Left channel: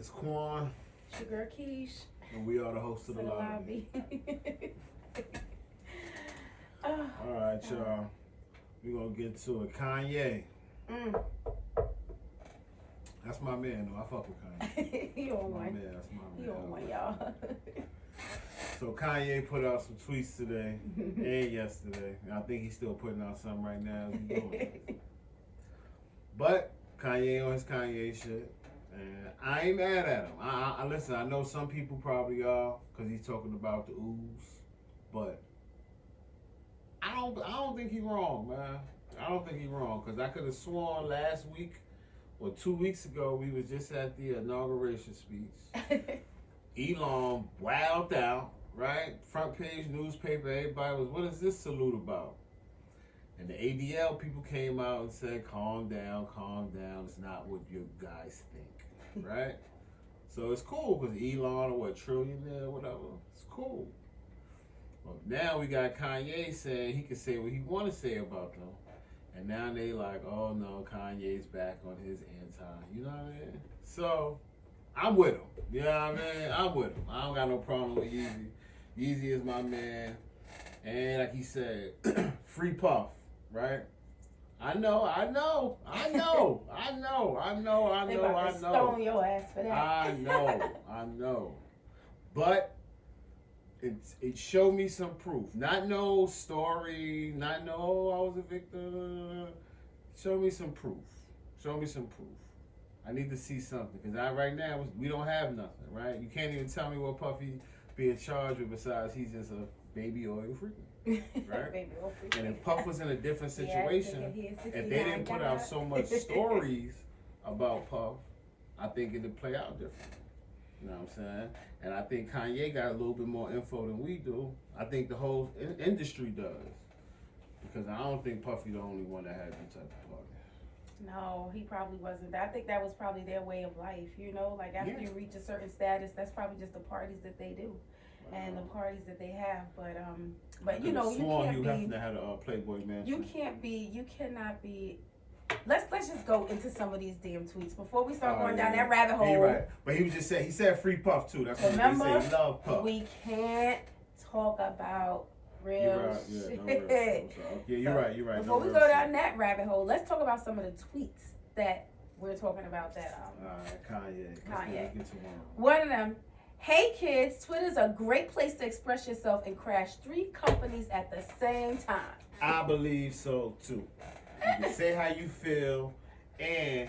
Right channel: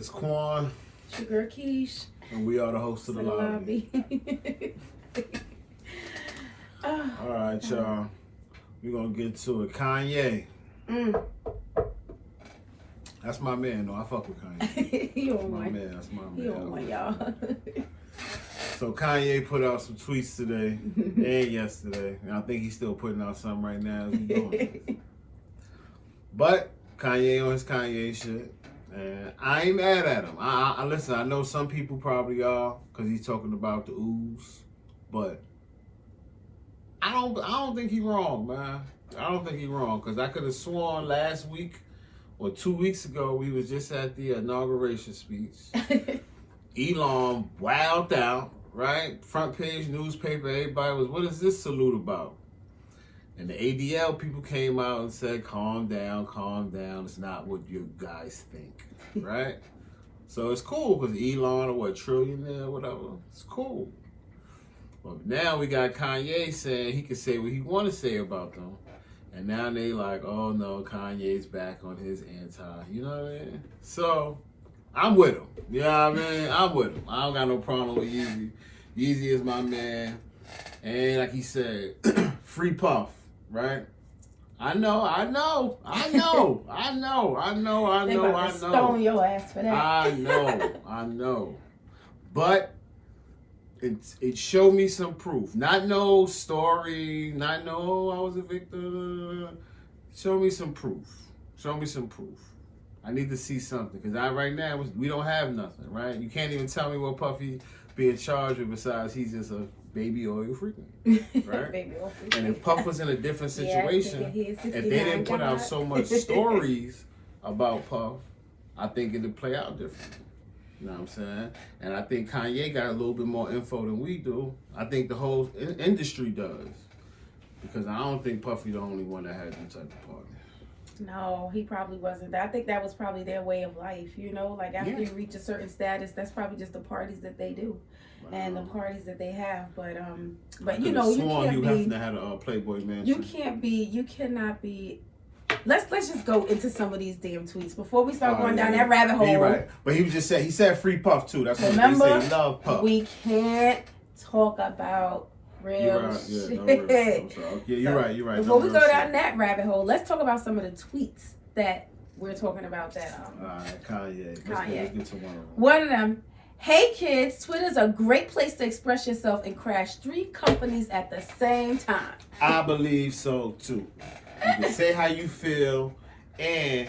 It's Quan. It's your girl Keish. And we are the hosts of the lobby. Alright, y'all. We're going to get to it. Kanye. That's my man, though. I fuck with Kanye. You on my one. man. That's my man. You on one, y'all. So Kanye put out some tweets today and yesterday. And I think he's still putting out some right now as he's doing this. But Kanye on his Kanye shit. And I ain't mad at him. I listen, I know some people probably are because he's talking about the ooze. But I don't think he's wrong, man. I don't think he's wrong because I could have sworn last week or 2 weeks ago we was just at the inauguration speech. Elon wowed out, right? Front page newspaper, everybody was, what is this salute about? And the ADL people came out and said, calm down, it's not what you guys think, right? So it's cool because Elon, or what, trillionaire, whatever, it's cool. But now we got Kanye saying he can say what he want to say about them. And now they like, oh no, Kanye's back on his anti, you know what I mean? So, I'm with him, you know what I mean? I'm with him. I don't got no problem with Yeezy. Yeezy is my man. And like he said, free Puff, right? I know. They about to stone your ass for that. I know. But it showed me some proof. Not no story, not no I was a victim. Show me some proof. I need to see something because right now we don't have nothing, right? You can't even tell me what Puffy be in charge of besides he's just a baby oil freaking, right? Baby oil freaking. And if Puff was in a different situation, if they didn't put out so much stories about Puff, I think it'd play out differently. You know what I'm saying? And I think Kanye got a little bit more info than we do. I think the whole industry does. Because I don't think Puffy the only one that had them type of parties. No, he probably wasn't. I think that was probably their way of life, you know? Like after you reach a certain status, that's probably just the parties that they do. And the parties that they have. But you know, you can't be... You have to have a Playboy mansion. You cannot be... Let's just go into some of these damn tweets before we start going down that rabbit hole. Right. But he said free Puff too. That's what Remember, he said. Love Puff. We can't talk about real shit. No, real. Okay, you're right. Before we go down that rabbit hole, let's talk about some of the tweets that we're talking about. That all right, Kanye. Let's get to one of them. One of them. Hey kids, Twitter's a great place to express yourself and crash 3 companies at the same time. I believe so too. You can say how you feel and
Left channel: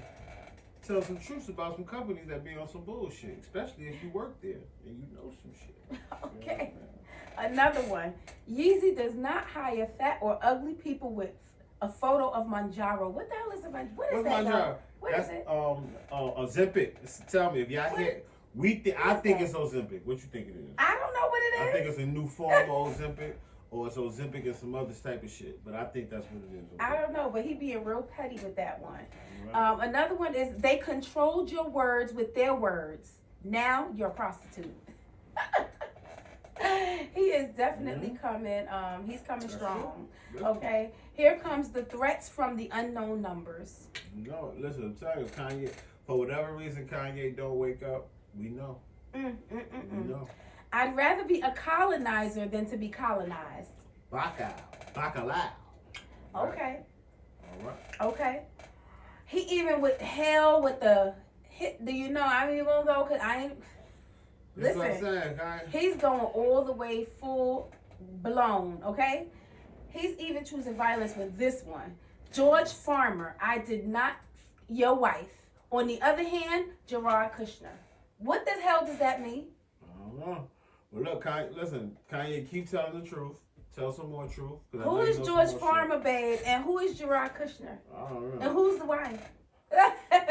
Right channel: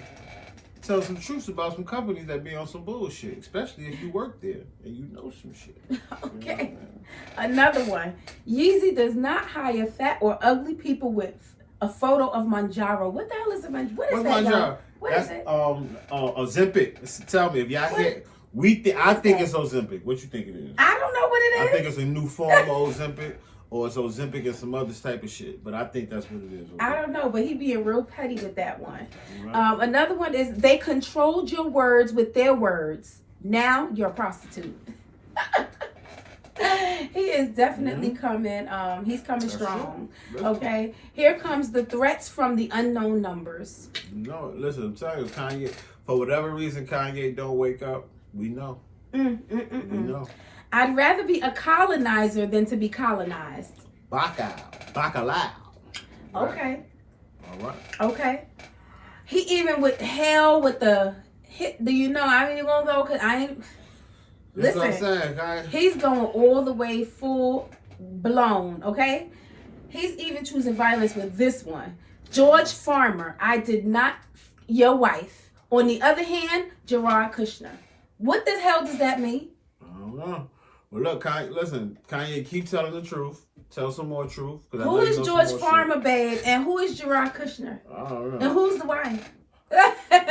tell some truths about some companies that be on some bullshit, especially if you work there and you know some shit. Okay. You know, another one. Yeezy does not hire fat or ugly people with a photo of Manjaro. What the hell is a Manjaro? What is that, y'all? What is it? Ozempic. Tell me if y'all hear. I think it's Ozempic. What you think it is? I don't know what it is. I think it's a new form of Ozempic. Or it's Ozempic and some other type of shit. But I think that's what it is. Okay? I don't know, but he being real petty with that one. Right. Another one is they controlled your words with their words. Now you're a prostitute. He is definitely coming. He's coming strong. Okay. Here comes the threats from the unknown numbers. No, listen, I'm telling you, Kanye, for whatever reason Kanye don't wake up, we know. We know. I'd rather be a colonizer than to be colonized. Bacalao. Okay. All right. Okay. He even with hell with the hit. Do you know? I ain't even gonna go because I ain't. Listen. That's what I'm saying, guys. He's going all the way full blown. Okay. He's even choosing violence with this one. George Farmer. I did not. Your wife. On the other hand, Jared Kushner. What the hell does that mean? I don't know. Well, look, Kanye, keep telling the truth. Tell some more truth. Who is George Farmer, babe? And who is Jared Kushner? I don't know. And who's the wife?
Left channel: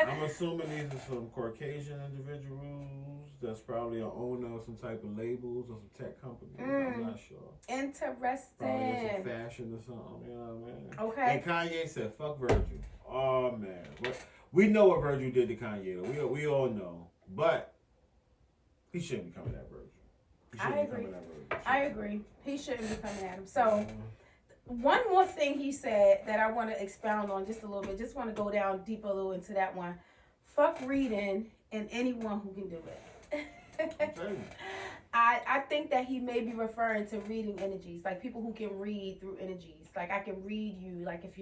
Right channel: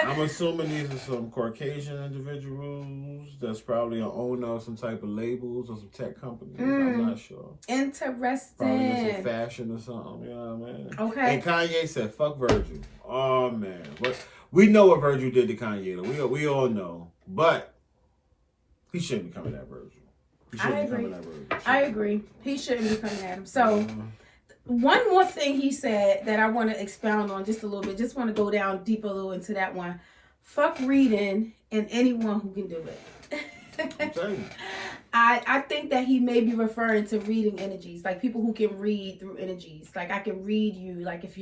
I'm assuming these are some Caucasian individuals that's probably an owner of some type of labels or some tech companies. I'm not sure. Interesting. Probably some fashion or something. You know what I mean? Okay. And Kanye said, fuck Virgil. Oh, man. But we know what Virgil did to Kanye. We all know. But he shouldn't be coming at Virgil. I agree. He shouldn't be coming at him. So, one more thing he said that I want to expound on just a little bit. Just want to go down deep a little into that one. fuck reading and anyone who can do it. I'm telling you. I think that he may be referring to reading energies, like people who can read through energies. Like I can read you, like if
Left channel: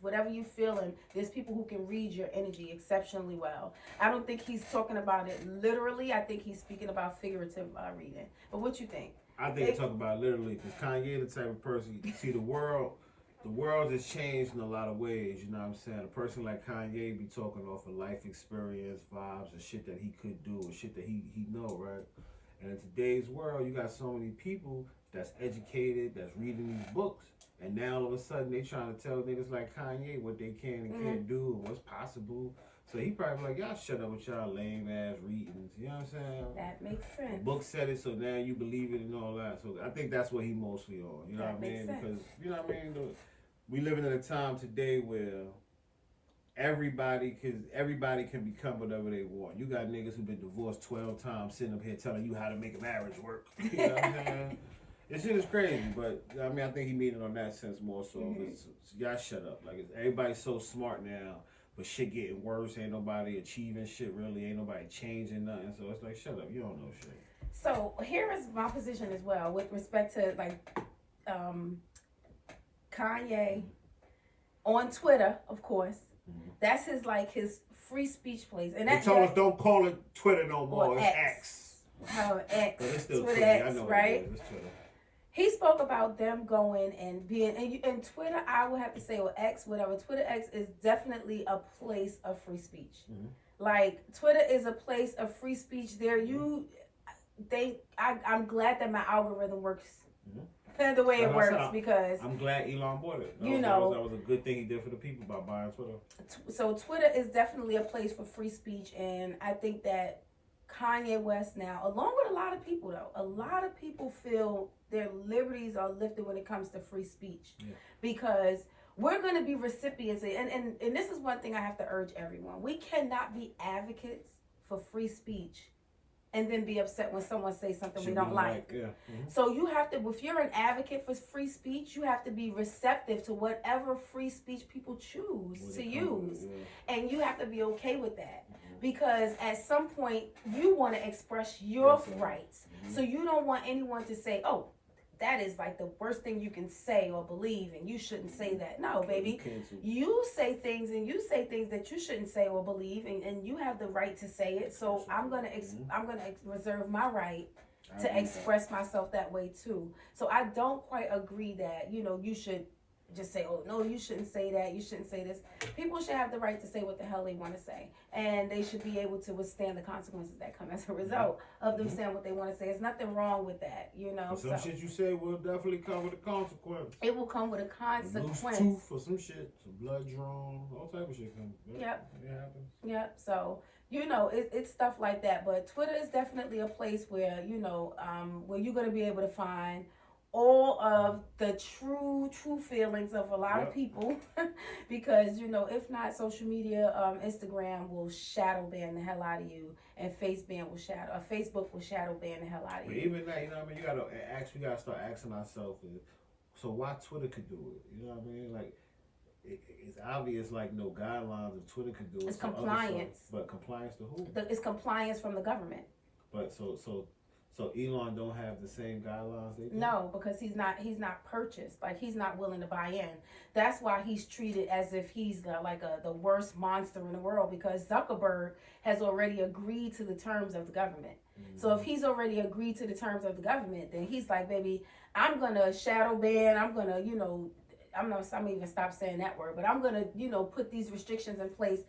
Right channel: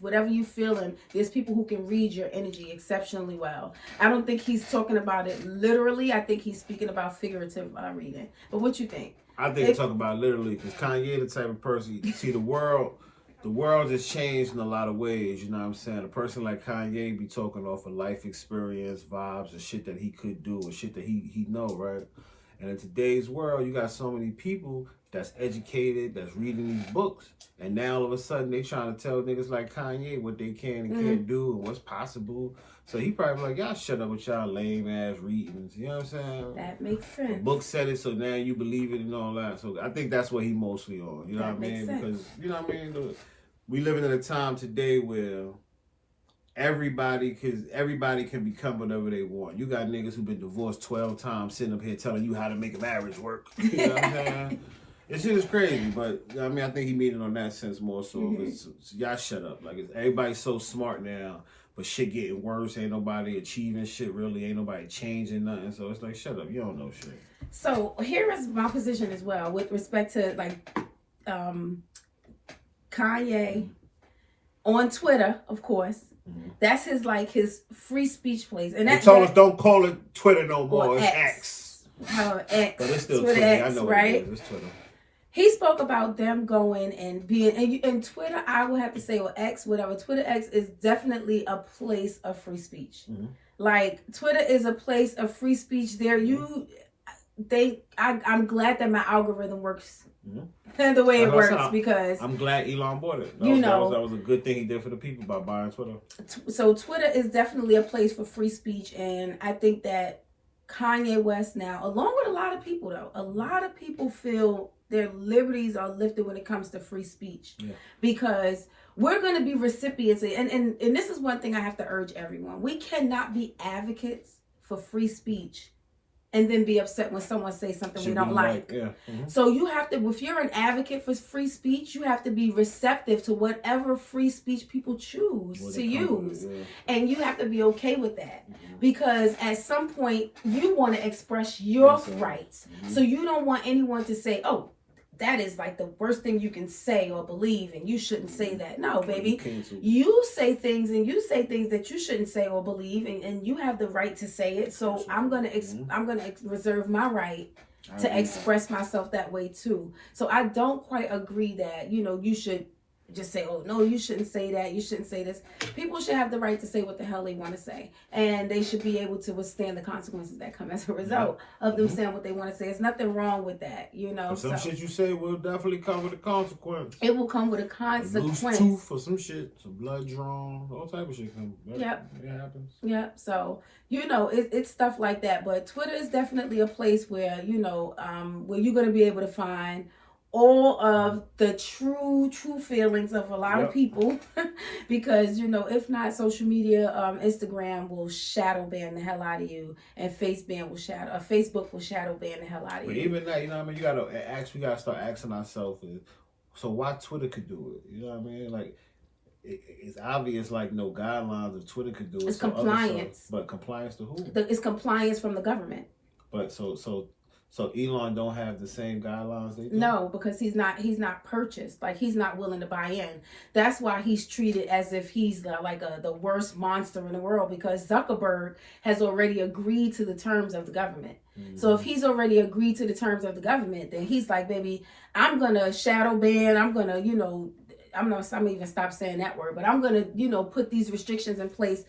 whatever you feeling, there's people who can read your energy exceptionally well. I don't think he's talking about it literally. I think he's speaking about figurative reading. But what you think? I think he's talking about literally, because Kanye the type of person, you see the world has changed in a lot of ways, you know what I'm saying? A person like Kanye be talking off of life experience, vibes, and shit that he could do, or shit that he know, right? And in today's world, you got so many people that's educated, that's reading these books, and now all of a sudden they trying to tell niggas like Kanye what they can and can't do and what's possible. So he probably like, y'all shut up with y'all lame ass readings. You know what I'm saying? That makes sense. The book said it, so now you believe it and all that. So I think that's what he mostly on. You know what I mean? Sense. Because, you know what I mean? We living in a time today where everybody can become whatever they want. You got niggas who've been divorced 12 times sitting up here telling you how to make a marriage work. You know what I'm saying? This shit is crazy, but I mean, I think he mean it on that sense more so. So y'all shut up. Like, everybody's so smart now, but shit getting worse. Ain't nobody achieving shit really. Ain't nobody changing nothing. So it's like, shut up. You don't know shit. So here is my position as well with respect to like Kanye on Twitter, of course. That's his free speech place. And they told us don't call it Twitter no more. It's X. X. But it's still Twitter. X, I know, right? It's Twitter. He spoke about them going and being, and Twitter, I would have to say, or X, whatever. Twitter X is definitely a place of free speech. Like, Twitter is a place of free speech. There, I'm glad that my algorithm works the way it works, because I'm glad Elon bought it. That was a good thing he did for the people by buying Twitter. So Twitter is definitely a place for free speech, and I think that Kanye West now, along with a lot of people though, a lot of people feel their liberties are lifted when it comes to free speech, because we're going to be recipients of, and this is one thing I have to urge everyone. We cannot be advocates for free speech and then be upset when someone says something we don't like. So you have to, if you're an advocate for free speech, you have to be receptive to whatever free speech people choose to use. And you have to be okay with that. Because at some point, you want to express your rights. So you don't want anyone to say, oh, that is like the worst thing you can say or believe, and you shouldn't say that. No, baby. You say things that you shouldn't say or believe, and you have the right to say it. So I'm gonna reserve my right to express myself that way too. So I don't quite agree that, you should just say, oh no, you shouldn't say that, you shouldn't say this. People should have the right to say what the hell they want to say, and they should be able to withstand the consequences that come as a result of them saying what they want to say. There's nothing wrong with that, But some shit you say will definitely come with a consequence. It will come with a consequence. Loose tooth for some shit, some blood drawn, all type of shit come. Yep. It happens. Yep. So it's stuff like that. But Twitter is definitely a place where where you're gonna be able to find all of the true feelings of a lot of people, because if not, social media, Instagram will shadow ban the hell out of you, and Facebook will shadow ban the hell out of you. But even that, we gotta start asking ourselves, so why Twitter could do it? You know what I mean? Like, it's obvious, like, no guidelines of Twitter could do it. It's compliance. But compliance to who? It's compliance from the government. But so Elon don't have the same guidelines they do? No, because he's not purchased. Like, he's not willing to buy in. That's why he's treated as if he's the worst monster in the world, because Zuckerberg has already agreed to the terms of the government. So if he's already agreed to the terms of the government, then he's like, baby, I'm going to shadow ban. I'm going to, I'm going to even stop saying that word, but I'm going to, put these restrictions in place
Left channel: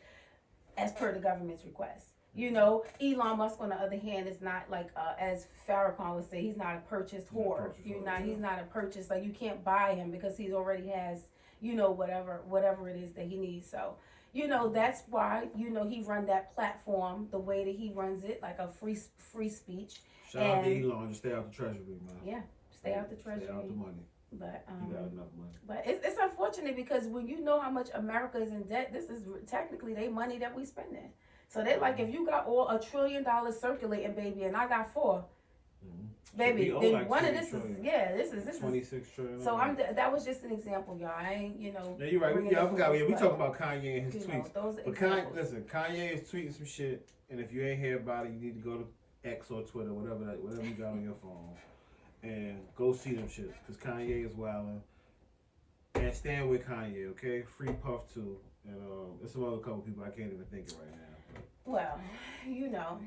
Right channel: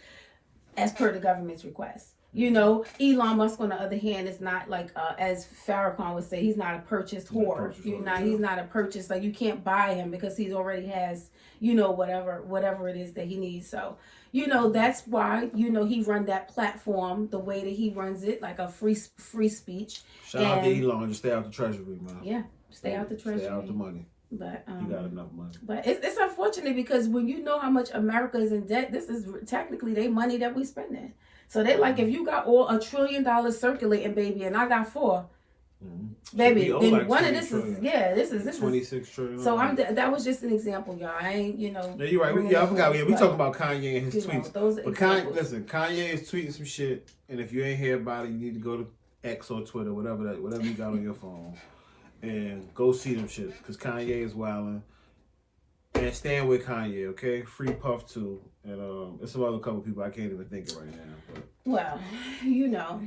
as per the government's request. Elon Musk, on the other hand, is not like, as Farrakhan would say, he's not a purchased whore. He's not a purchase. Like, you can't buy him because he already has, whatever it is that he needs. So, that's why, he run that platform the way that he runs it, like a free speech. Shout out to Elon, just stay out the treasury, man. Yeah, stay out the treasury. Stay out the money. But you got enough money. But it's unfortunate, because when you know how much America is in debt, this is technically their money that we spending. So they like, if you got $1 trillion circulating, baby, and I got $4, Baby, so then like one of this is this 26 trillion. So that was just an example, y'all. I ain't Yeah, you're right. I forgot. We talking about Kanye and his tweets. Those but Kanye is tweeting some shit, and if you ain't hear about it, you need to go to X or Twitter, whatever you got on your phone, and go see them shit. Cause Kanye is wilding. And stand with Kanye, okay? Free Puff too, and there's some other couple people I can't even think of right now. But. Well,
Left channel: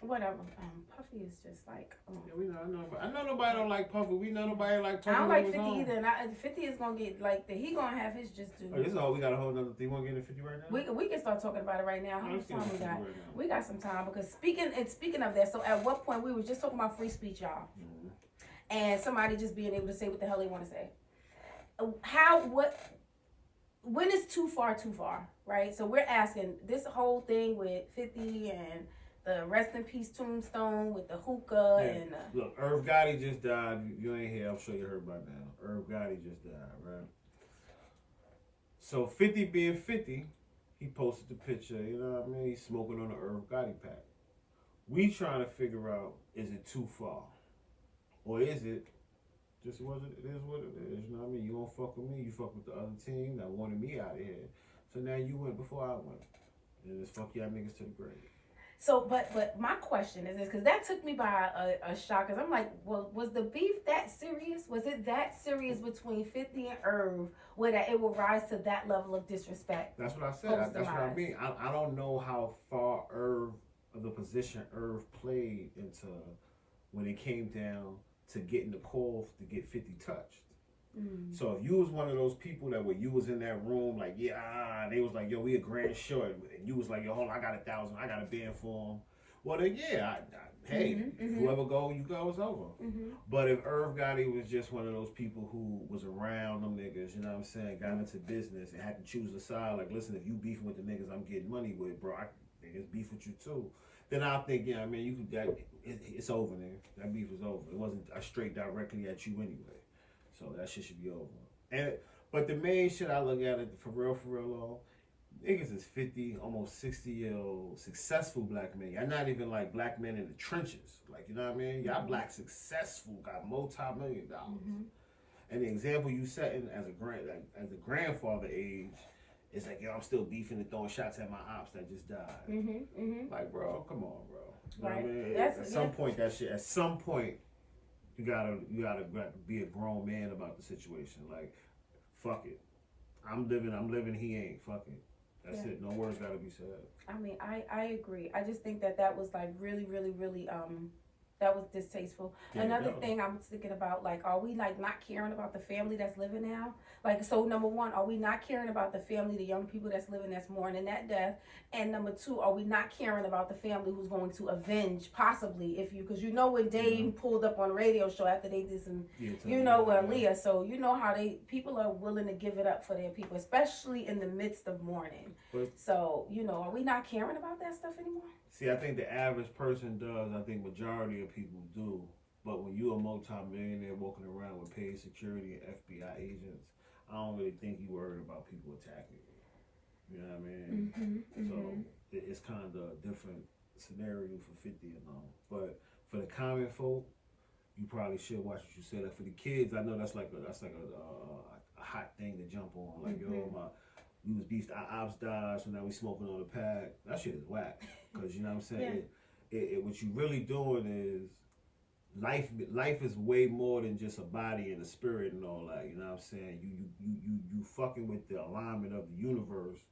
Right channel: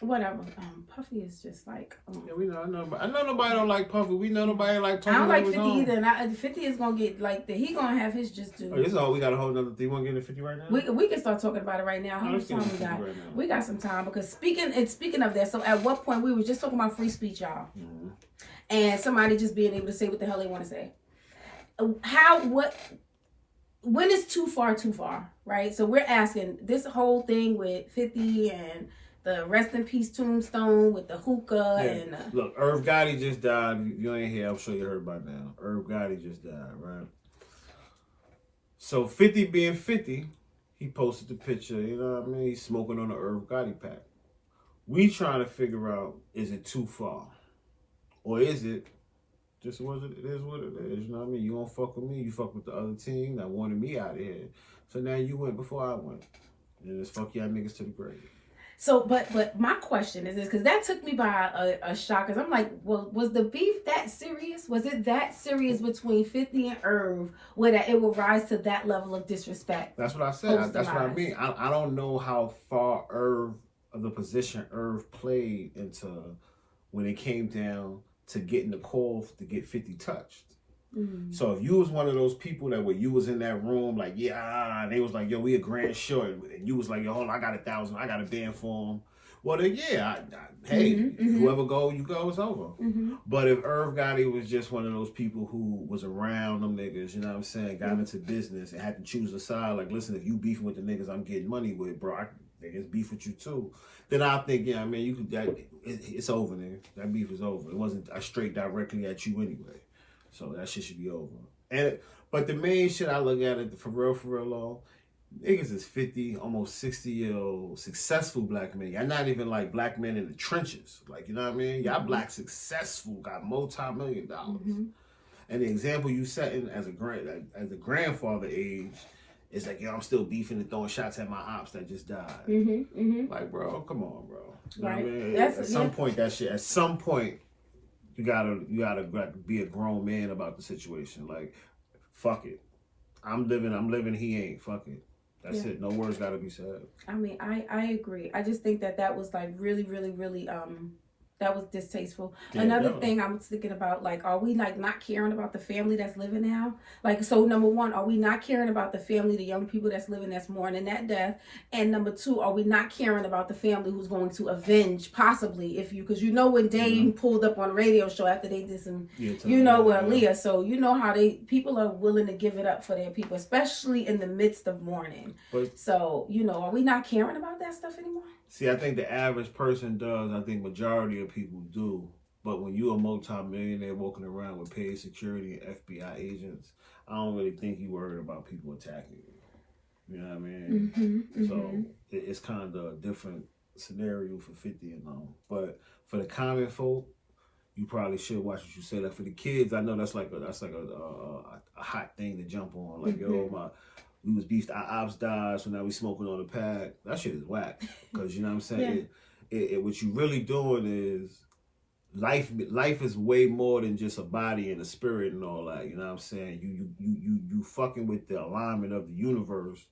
whatever. Puffy is just like. Yeah, we know. I know nobody don't like Puffy. We know nobody like. I don't like 50 either. And 50 is gonna get he gonna have his just due. Oh, this is all we got a whole nother thing. You want to get into 50 right now? We can start talking about it right now. How much time we got? We got some time because speaking of that. So at what point we were just talking about free speech, y'all, and somebody just being able to say what the hell they want to say. When is too far, right? So we're asking this whole thing with 50 and the rest in peace tombstone with the hookah and look, Irv Gotti just died. You ain't here. I'm sure you heard by now. Irv Gotti just died, right? So 50 being 50, he posted the picture. You know what I mean? He's smoking on the Irv Gotti pack. We trying to figure out, is it too far, or is it? Just what it is, what it is. You know what I mean? You don't fuck with me, you fuck with the other team that wanted me out of here. So now you went before I went. And it's fuck y'all niggas to the grave. So, but my question is this, because that took me by a shock. Because I'm like, well, was the beef that serious? Was it that serious between 50 and Irv where that it will rise to that level of disrespect? That's what I said. That's what I mean. I don't know how far the position Irv played into when it came down to getting the call to get 50 touched. So if you was one of those people that you was in that room like, and they was like, yo, we a grand short, and you was like, yo, hold on, I got 1,000, I got a band for him. Well then, whoever you go, it's over. But if Irv Gotti was just one of those people who was around them niggas, you know what I'm saying, got into business and had to choose a side, like, listen, if you beefing with the niggas I'm getting money with, bro, I niggas beef with you too. Then I think, you know what I mean, you could. It's over there. That beef is over. It wasn't straight directly at you anyway. So that shit should be over. But the main shit I look at it for real, though, niggas is 50, almost 60-year-old successful black men. Y'all not even like black men in the trenches. Like, you know what I mean? Y'all black successful, got multi-million dollars. And the example you setting as a grandfather age is like, yo, I'm still beefing and throwing shots at my ops that just died. Like, bro, come on, bro. You know what I mean? At some point, that shit. At some point, you gotta be a grown man about the situation. Like, fuck it. I'm living. He ain't. Fuck it. That's it. No words gotta be said. I mean, I agree. I just think that was like really that was distasteful. Another thing I was thinking about, like, are we like not caring about the family that's living now? Like, so number one, are we not caring about the family, the young people that's living that's mourning that death? And number two, are we not caring about the family who's going to avenge possibly because you know when Dave pulled up on a radio show after they did some, with Aaliyah, so you know how people are willing to give it up for their people, especially in the midst of mourning. So, are we not caring about that stuff anymore? See, I think the average person does. I think majority of people do. But when you're a multi-millionaire walking around with paid security and FBI agents, I don't really think you worried about people attacking you. You know what I mean? So it's kind of a different scenario for 50 and all. But for the common folk, you probably should watch what you say. Like for the kids, I know that's like a hot thing to jump on. Like, we was beefed, our ops died, so now we smoking on the pad. That shit is whack. Because, you know what I'm saying? What you really doing is, life is way more than just a body and a spirit and all that. You know what I'm saying? You fucking with the alignment of the universe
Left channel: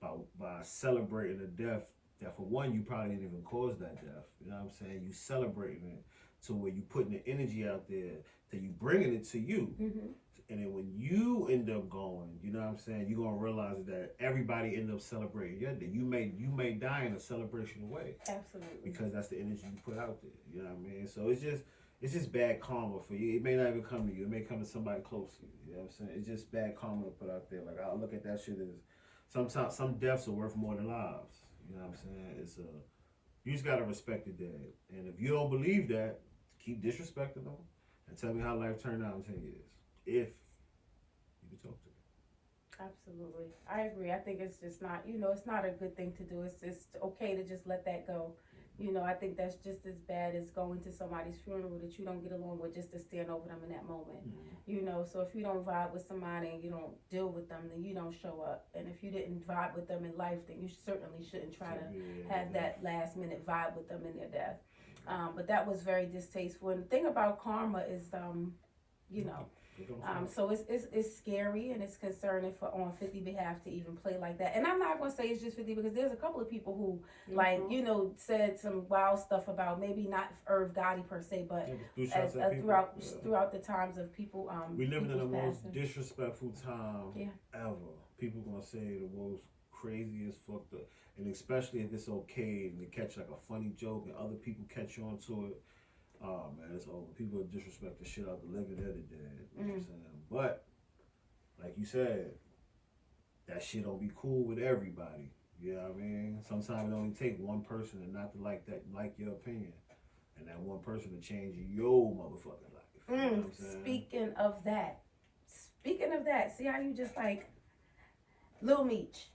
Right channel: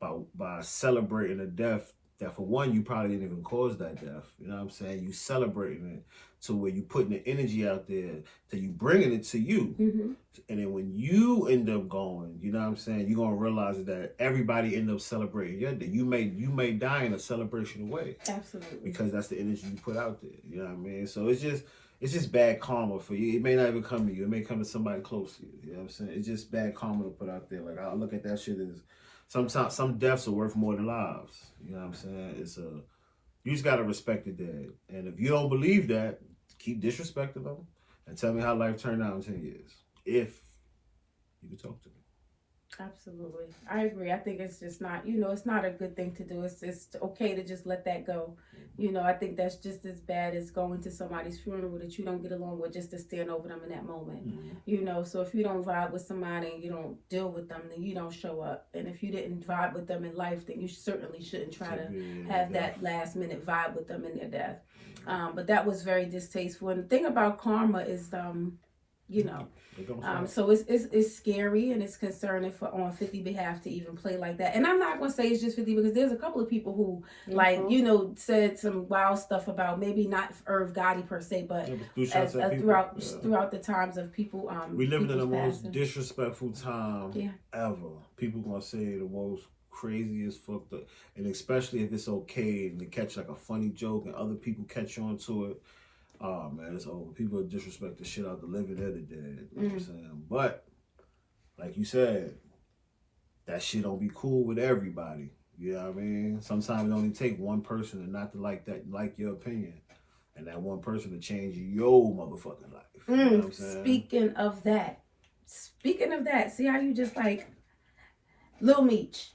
by celebrating a death that, for one, you probably didn't even cause that death. You know what I'm saying? You celebrating it to where you putting the energy out there, to you bringing it to you. And then when you end up going, you know what I'm saying, you're gonna realize that everybody end up celebrating your day. You may die in a celebration way. Absolutely. Because that's the energy you put out there. You know what I mean? So it's just bad karma for you. It may not even come to you. It may come to somebody close to you. You know what I'm saying? It's just bad karma to put out there. Like, I look at that shit as sometimes some deaths are worth more than lives. You know what I'm saying? You just gotta respect the dead. And if you don't believe that, keep disrespecting them and tell me how life turned out in 10 years. If you can talk to me. Absolutely. I agree. I think it's just not, it's not a good thing to do. It's just okay to just let that go. I think that's just as bad as going to somebody's funeral that you don't get along with just to stand over them in that moment. So if you don't vibe with somebody and you don't deal with them, then you don't show up. And if you didn't vibe with them in life, then you certainly shouldn't try to have that last minute vibe with them in their death. But that was very distasteful. And the thing about karma is, you know, so it's scary and it's concerning for on 50 behalf to even play like that. And I'm not gonna say it's just 50 because there's a couple of people who said some wild stuff about maybe not Irv Gotti per se, but throughout the times of people. We live in the most disrespectful time ever. People gonna say the most craziest fucked up, and especially if it's okay and they catch like a funny joke and other people catch on to it. Oh man, it's over. People disrespect the shit out the living and the dead. You know what I'm saying? But like you said, that shit don't be cool with everybody. You know what I mean? Sometimes it only take one person to not to like your opinion, and that one person to change your motherfucking life. You know what I'm saying? Speaking of that, see how you just like Lil Meech.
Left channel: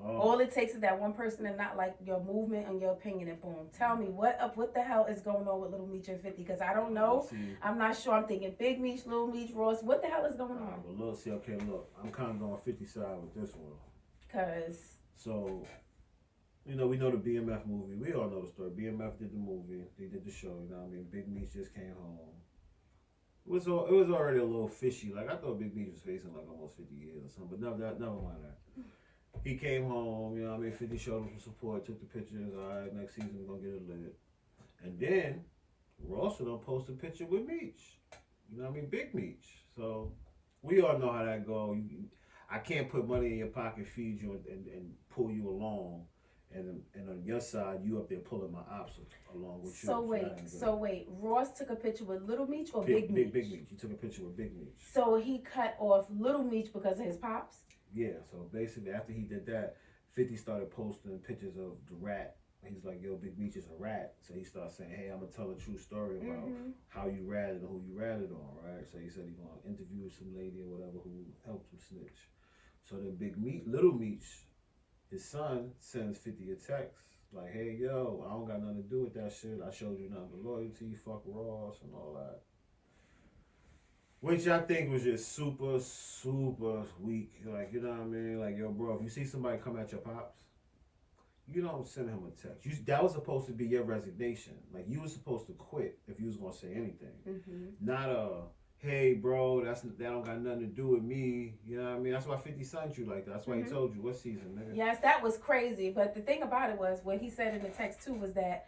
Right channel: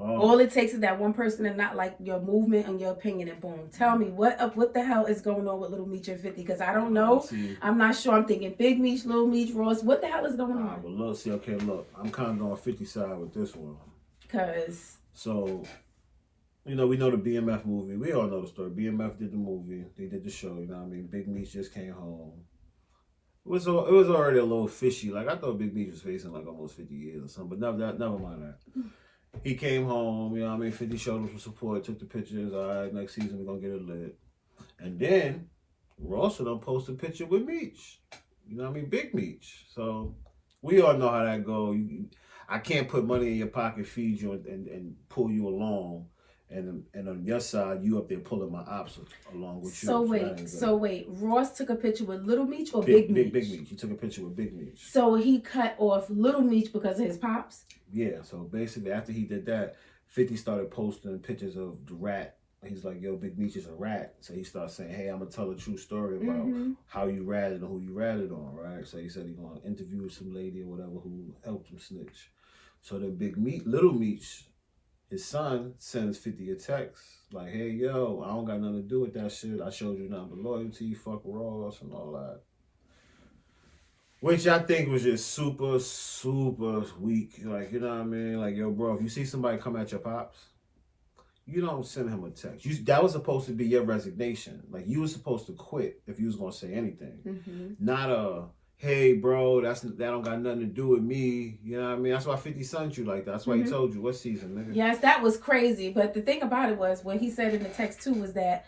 All it takes is that one person to not like your movement and your opinion, and boom. Tell me what the hell is going on with Little Meech and 50? Because I don't know. I'm not sure. I'm thinking Big Meech, Little Meech, Ross. What the hell is going on? But look. I'm kind of on 50 side with this one. So, we know the BMF movie. We all know the story. BMF did the movie. They did the show. You know what I mean? Big Meech just came home. It was already a little fishy. Like I thought Big Meech was facing like almost 50 years or something. But never mind that. He came home, 50 showed him some support, took the pictures. All right, next season we're going to get it lit. And then Ross done posted a picture with Meech. Big Meech. So we all know how that go. I can't put money in your pocket, feed you, and pull you along. And on your side, you up there pulling my ops along with you. So wait. Ross took a picture with Little Meech or Big Meech? Big Meech. He took a picture with Big Meech. So he cut off Little Meech because of his pops? Yeah, so basically after he did that, 50 started posting pictures of the rat. He's like, yo, Big Meech is a rat. So he started saying, hey, I'm going to tell a true story about how you ratted and who you ratted on, right? So he said he's going to interview some lady or whatever who helped him snitch. So then Little Meech, his son, sends 50 a text like, hey, yo, I don't got nothing to do with that shit. I showed you nothing but loyalty, fuck Ross and all that. Which I think was just super, super weak. Like, you know what I mean? Like, yo, bro, if you see somebody come at your pops, you don't send him a text. That was supposed to be your resignation. Like, you were supposed to quit if you was going to say anything. Not hey, bro, that don't got nothing to do with me. You know what I mean? That's why 50 sent you like that. That's why he told you what season, nigga. Yes, that was crazy. But the thing about it was, what he said in the text, too, was that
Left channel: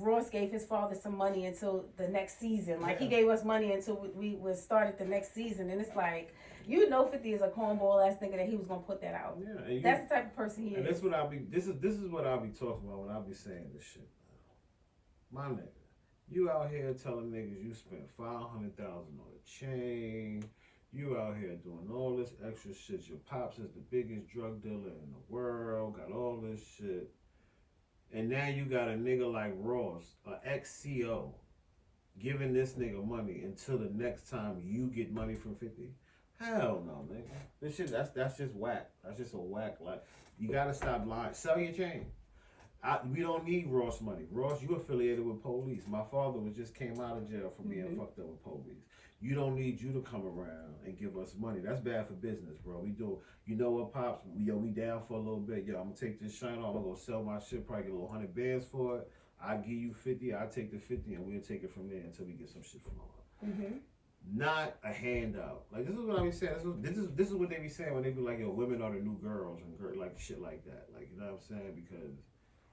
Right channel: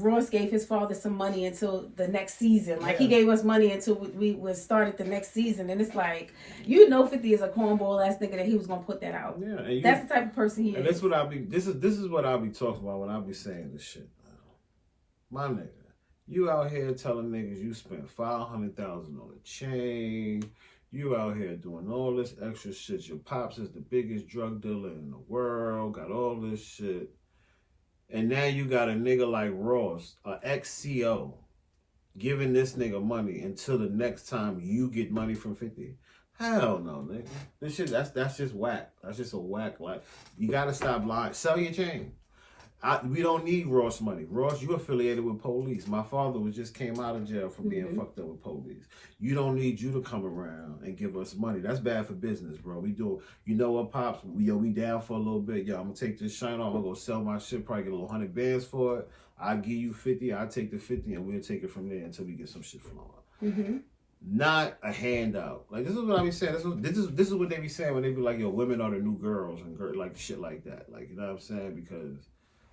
Ross gave his father some money until the next season. Like, he gave us money until we started the next season. And it's like, 50 is a cornball ass nigga that he was going to put that out. Yeah. And that's the type of person he is. And that's what this is what I'll be talking about when I be saying this shit. My nigga, you out here telling niggas you spent $500,000 on a chain. You out here doing all this extra shit. Your pops is the biggest drug dealer in the world. Got all this shit. And now you got a nigga like Ross, an ex-CO, giving this nigga money until the next time you get money from 50. Hell no, nigga. This shit, that's just whack. That's just a whack. Like, you gotta stop lying. Sell your chain. We don't need Ross money. Ross, you affiliated with police. My father just came out of jail from being fucked up with police. You don't need you to come around and give us money. That's bad for business, bro. We do, you know what, Pops? We down for a little bit. Yo, I'm going to take this shine off. I'm going to sell my shit, probably get a little 100 bands for it. I'll give you 50. I'll take the 50, and we'll take it from there until we get some shit flowing. Not a handout. Like, this is what I be saying. This is what they be saying when they be like, yo, women are the new girls and like shit like that. Like, you know what I'm saying? Because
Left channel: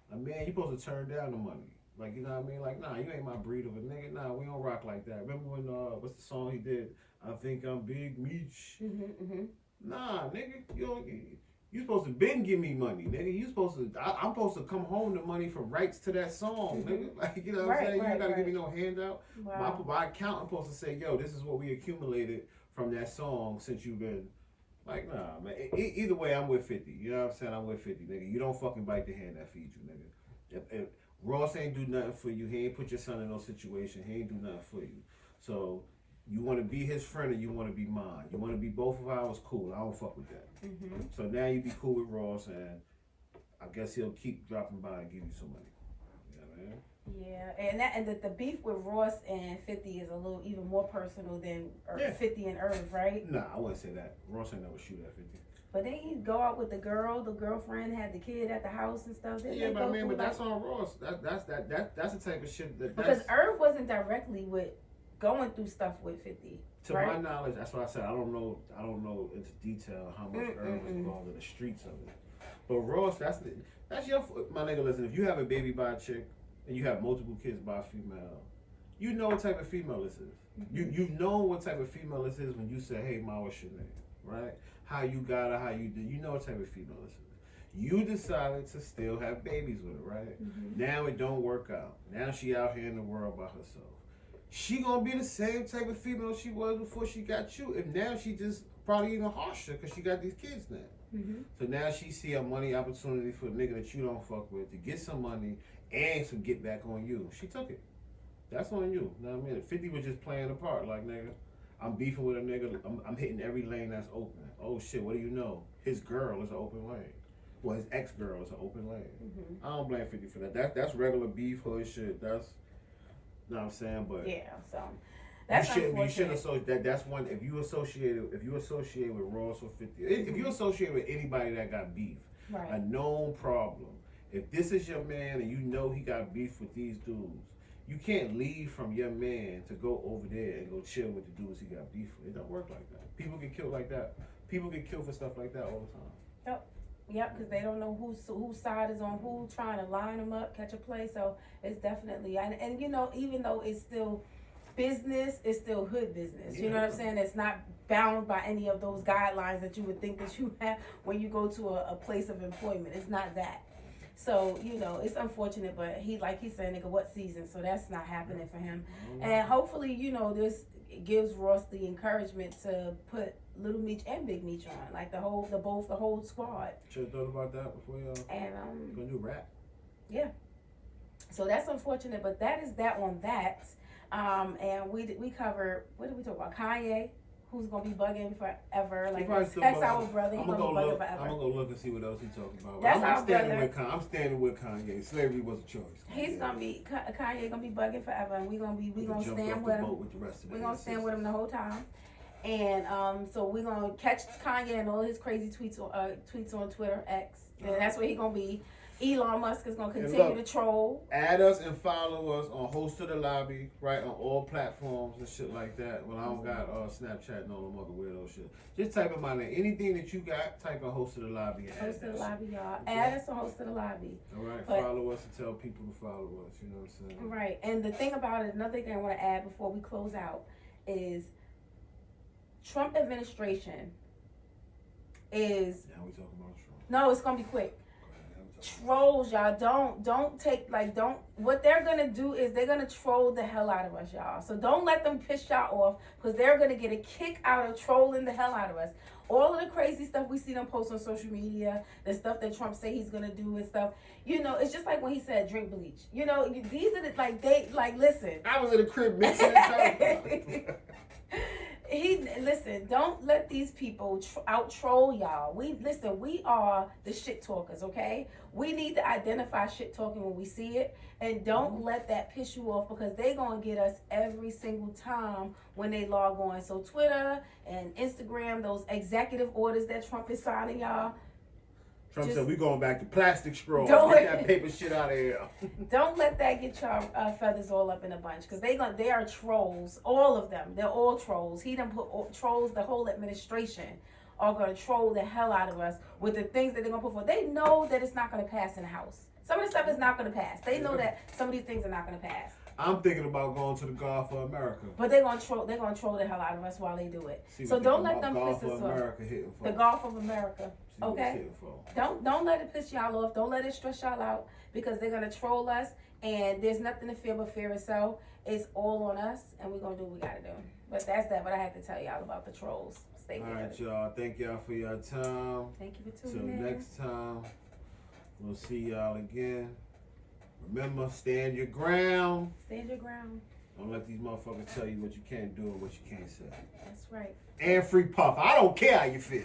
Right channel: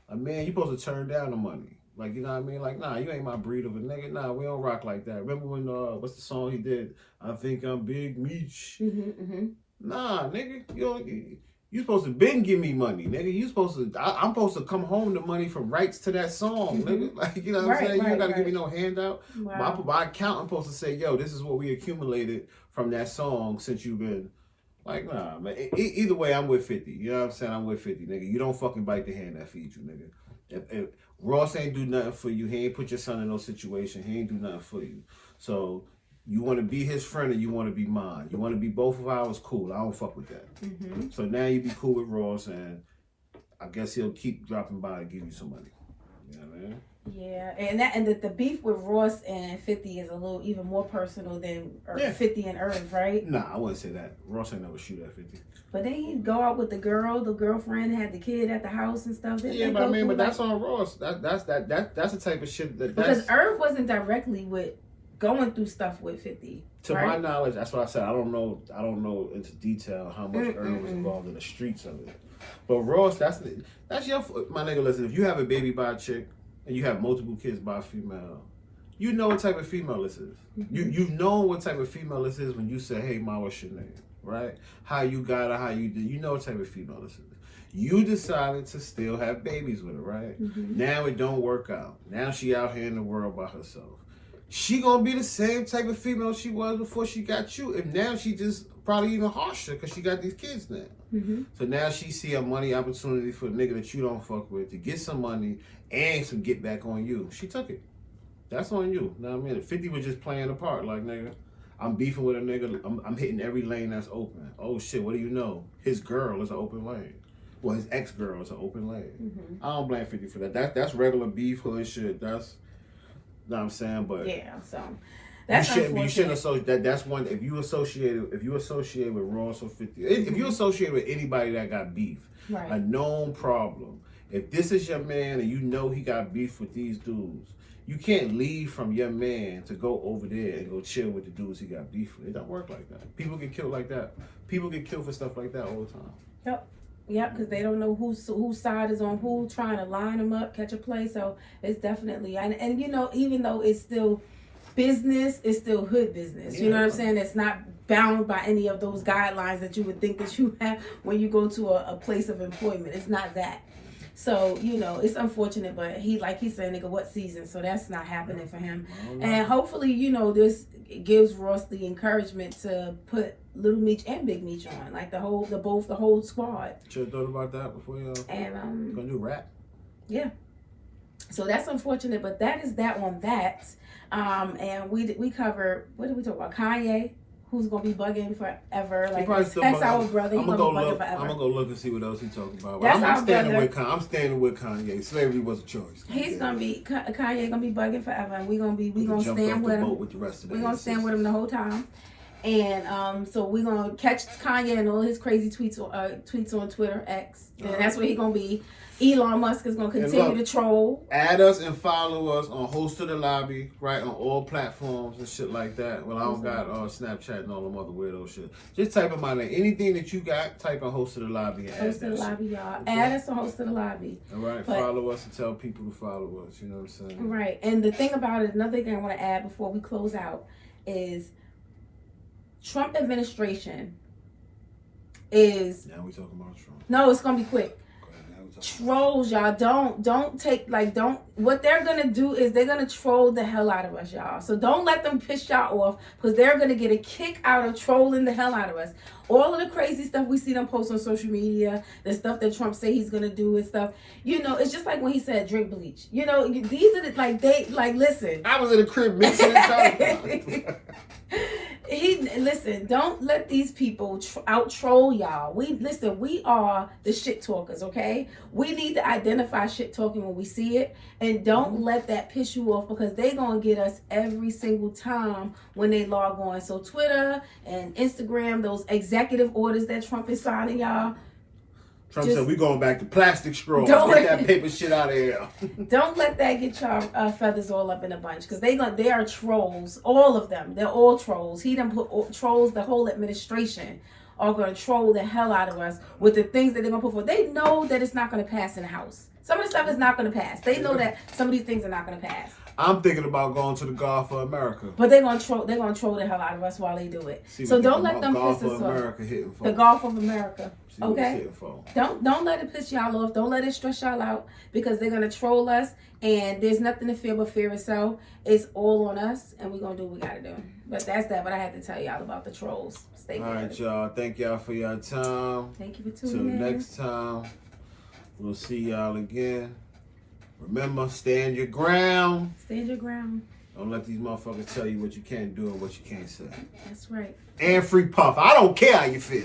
a man, you supposed to turn down the money. Like, you know what I mean? Like, nah, you ain't my breed of a nigga. Nah, we don't rock like that. Remember when, what's the song he did? I think I'm Big Meech. Nah, nigga, you supposed to been give me money, nigga. You supposed to, I'm supposed to come home to money from rights to that song, nigga. Like, you know what I'm saying? You don't got to give me no handout. Wow. My accountant supposed to say, yo, this is what we accumulated from that song since you've been. Like, nah, man. Either way, I'm with 50. You know what I'm saying? I'm with 50, nigga. You don't fucking bite the hand that feeds you, nigga. If Ross ain't do nothing for you, he ain't put your son in no situation, he ain't do nothing for you. So, You want to be his friend or you want to be mine? You want to be both of ours? Cool. I don't fuck with that. So now you be cool with Ross, and I guess he'll keep dropping by and give you some money. You know what I mean? Yeah, and the beef with Ross and 50 is a little even more personal than 50 and Irv, right? Nah, I wouldn't say that. Ross ain't never shoot at 50. But then he go out with the girlfriend had the kid at the house and stuff. Yeah, but I mean, but that's on Ross. That's the type of shit because Irv wasn't directly going through stuff with 50. To my knowledge, that's what I said. I don't know into detail how much Irv was involved in the streets of it. But Ross, that's your my nigga. Listen, if you have a baby by a chick and you have multiple kids by a female, you know what type of female this is. You know what type of female this is when you say, "Hey, ma, what's your name?" Right? How you got her, how you did. You know what type of female this is. You decided to still have babies with her, right? Now it don't work out. Now she out here in the world by herself. She gonna be the same type of female she was before she got you, and now she just probably even harsher because she got these kids now. So now she see a money opportunity for a nigga that you don't fuck with to get some money and some get back on you. She took it. That's on you. Know what I mean? 50 was just playing a part, like nigga. I'm beefing with a nigga. I'm hitting every lane that's open. Oh shit, what do you know? His girl is an open lane. Well, his ex-girl is an open lane. I don't blame 50 for that. That's regular beef, hood shit. That's, you know what I'm saying? But yeah, so that's you shouldn't associate that's one. If you associate with Ross or 50, if you associate with anybody that got beef, a known problem. If this is your man and you know he got beef with these dudes, you can't leave from your man to go over there and go chill with the dudes he got beef with. It don't work like that. People get killed like that. People get killed for stuff like that all the time. Yep, because they don't know whose side is on who, trying to line them up, catch a play. So it's definitely, and you know, even though it's still business, it's still hood business. You know what I'm saying? It's not bound by any of those guidelines that you would think that you have when you go to a place of employment. It's not that. So, you know, it's unfortunate, but like he said, nigga, what season? So that's not happening for him. And hopefully, you know, this gives Ross the encouragement to put Little Meech and Big Meech on, like the whole squad. Should have thought about that before y'all. And gonna do rap. Yeah. So that's unfortunate, but that is that on that. And we covered, what did we talk about? Kanye, who's gonna be bugging forever. Like that's our brother. He's gonna be bugging forever. I'm gonna go look and see what else he's talking about. That's I'm standing with Kanye. Slavery was a choice. He's gonna be Kanye gonna be bugging forever, and we gonna stand with him. We're gonna stand with him the whole time. And so we're gonna catch Kanye and all his crazy tweets on Twitter X. And that's where he's gonna be. Elon Musk is gonna continue to troll. Add us and follow us on Host of the Lobby, right, on all platforms and shit like that. Well, I don't got Snapchat and all them other weirdo shit. Just type in my name. Anything that you got, type in Host of the Lobby. Host of the Lobby, y'all. Add us on Host of the Lobby. All right, follow us and tell people to follow us. You know what I'm saying? Right. And the thing about it, another thing I want to add before we close out is Trump administration is. Now we talking about Trump. No, it's gonna be quick. Trolls, y'all, what they're gonna do is they're gonna troll the hell out of us, y'all. So don't let them piss y'all off, because they're gonna get a kick out of trolling the hell out of us. All of the crazy stuff we see them post on social media, the stuff that Trump say he's gonna do and stuff, you know, it's just like when he said drink bleach. You know, these are listen. I was in the crib mixing it. Listen, don't let these people out troll y'all. We are the shit talkers, okay? We need to identify shit talking when we see it, and don't let that piss you off, because they gonna get us every single time when they log on. So Twitter and Instagram, those executive orders that Trump is signing, y'all. Trump said we going back to plastic straws. Get that paper shit out of here. Don't let that get y'all feathers all up in a bunch, because they are trolls. All of them. They're all trolls. He done put trolls. The whole administration are going to troll the hell out of us with the things that they're going to put forward. They know that it's not going to pass in the House. Some of the stuff is not going to pass. They know that some of these things are not going to pass. I'm thinking about going to the Gulf of America. But they're gonna troll the hell out of us while they do it. So don't let them piss us off. The Gulf of America. Okay? Don't let it piss y'all off. Don't let it stress y'all out, because they're gonna troll us, and there's nothing to fear but fear itself. It's all on us, and we're gonna do what we gotta do. But that's that. But I had to tell y'all about the trolls. Stay good. All right, y'all. Thank y'all for your time. Thank you for tuning in. Till next time, we'll see y'all again. Remember, stand your ground. Stand your ground. Don't let these motherfuckers tell you what you can't do and what you can't say. That's right. And free Puff. I don't care how you feel.